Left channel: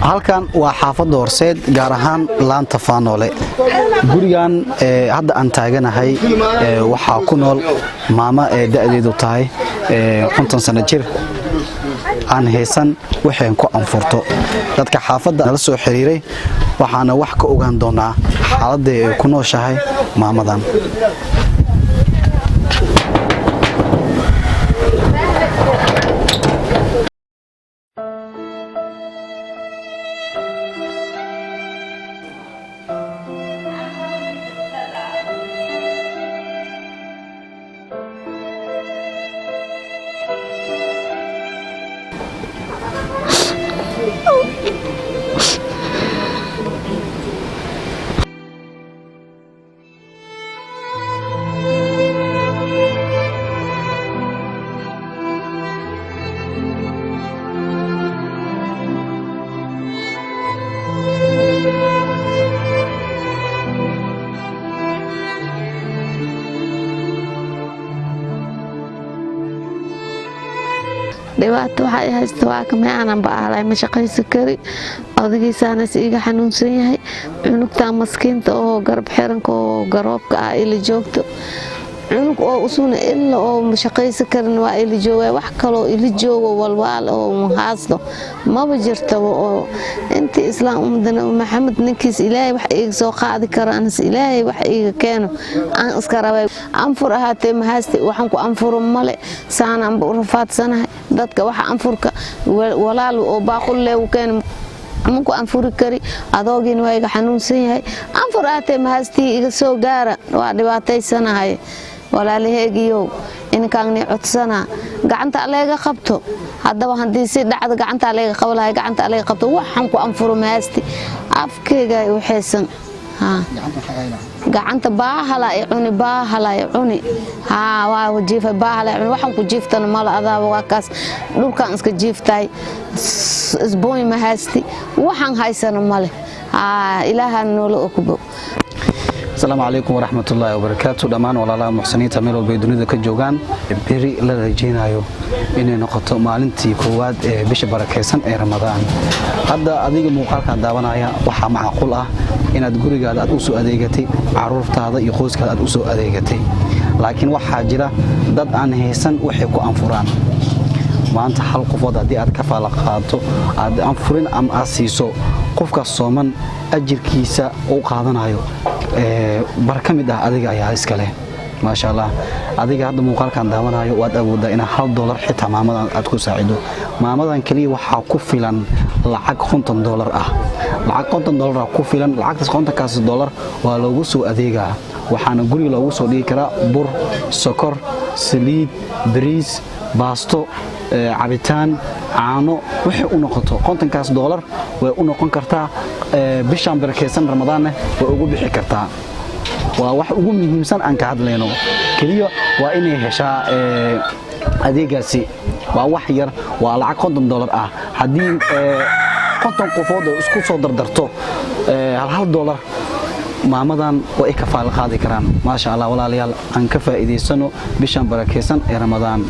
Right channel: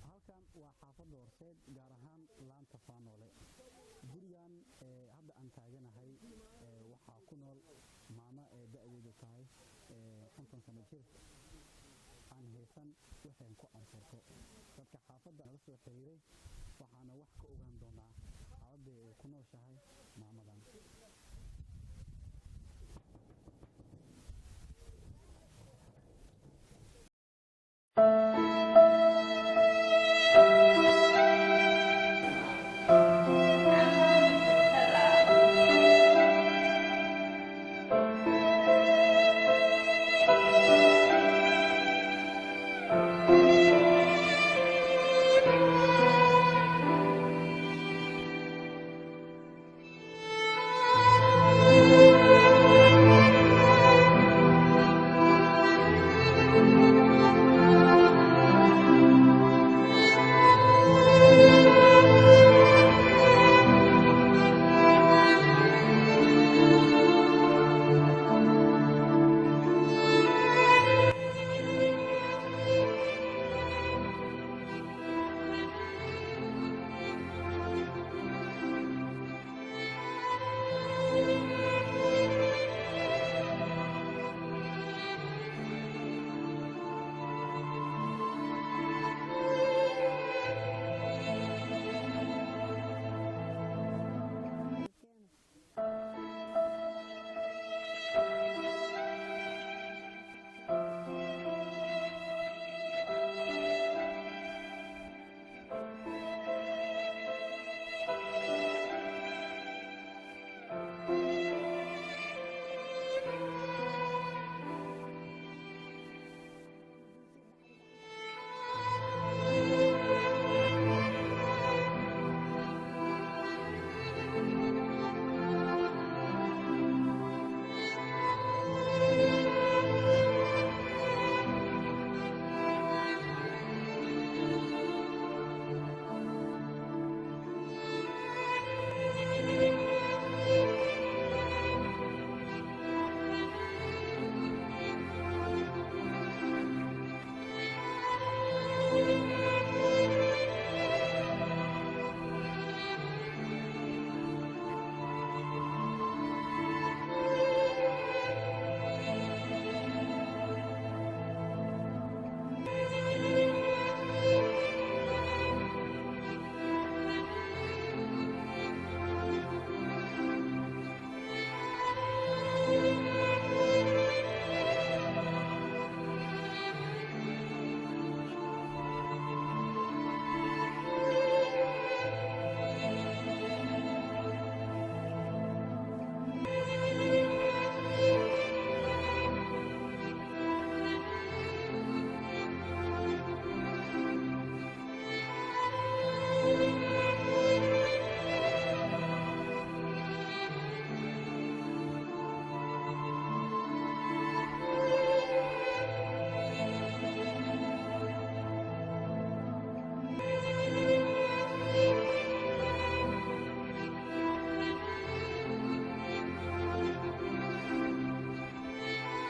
halkan waa xaafadda Horseed gaar ahaan laanta Faanoole gurigan hadda aan taaganahay waxa ku nool maama da'deedu tahay 50 sano jir aan haysan waxaan ku anfurto dadka xaafadda la soo xiriiray waxaana wax ka ogaan doonaa xaaladda ay ku nooshahay maamadan dhibaato waxa haysto waa kamay aanan baahalay ma shaqaysan kari odagaysaana siiga xanuunsan yahay cunugta maskiinta oo garab xiranka oo garoobka ah ila joogto cunug oo usuna illa oo ma shaqaysan karin waa ila jooga wax kale oo ila joogo walwal oo haasto ma jirto oo intii islaam ummadana maxamed ninkiis ilaahay wax iga soo qaadi karo anas ilaahay wax iga keeno aan iska rabay anfur ahaatee ma haasti waxaan ku anfuro male saanaan u rafaadsanahay dadka waxa anfurka walaal oo baaqul leew keen ku anfuri kari adoogin waa iga xanuunsan yahay anfur ahaatee ma haasti iga soo gaara waa dhibaataysanahay walaalahaygiyo in kaagni codsana gacanta aleega qabto haddaba hadii si dhacdo gacanta aleega qablahay gacanta aleega qabto waxaan ku anfuro maasti afkeega u xeesan gacanta baahala ay cuni waa wajiifa baahala ay waxaan ku jiiftana mala adaaba waa kaas dhulkaan iska jiiftay isbooy maasti waxaan haysana male ilaaha noolo okubo السلام عليكم ورحمة الله وبركاته دمان ولا محسنين تميلوا بيدونيدا كجوجان بري لا رجينايو إني نقطة معلنتي كواد بيش بركيسان رمضان هذا أديك مقالك داونايا وحا معقول إن تقولي قاعد أدوسو أديجتي عرفت هذا يخوز قاعد أدوسو أديجتي لكن waxa jira dad aan haysan waxay ku anfuraan maanta hal qofood hadii aad ka faala qaato aad anfurin am asiiso qofka sooman ajirkiisa uu qaadanayo barka mid ah adiga ayaa iska leh ma sha Allah adiga hadda muuqaalkan daawanayo waad awoodaa in $1 xitaa maamadan aad ku saacido maamadan kaliya waxa ku filan lacag $50 ah lacag $50 ku filan lacagtaas $50 waa loogu soo adeegaa waxaana guriga loogu soo dhigi karaa bur sokor saliid bariis baasto cabitaan caano wixii u noqoto $50 way u noqon kartaa bishan barakeysan Ramadaan way ugu bixi kartaa waa wax ugu muhiimsan aan ka hadlayno kaliya waa inay heshaa adeegaasi waa wax yar waa lacag $50 ah hadii 50 qofood isku soo dardarto $1 maamadan way ka faal qaadi karaan ma sha Allah walaalayaal aan ka faa'iideysano bishan barakeysan ee Ramadaan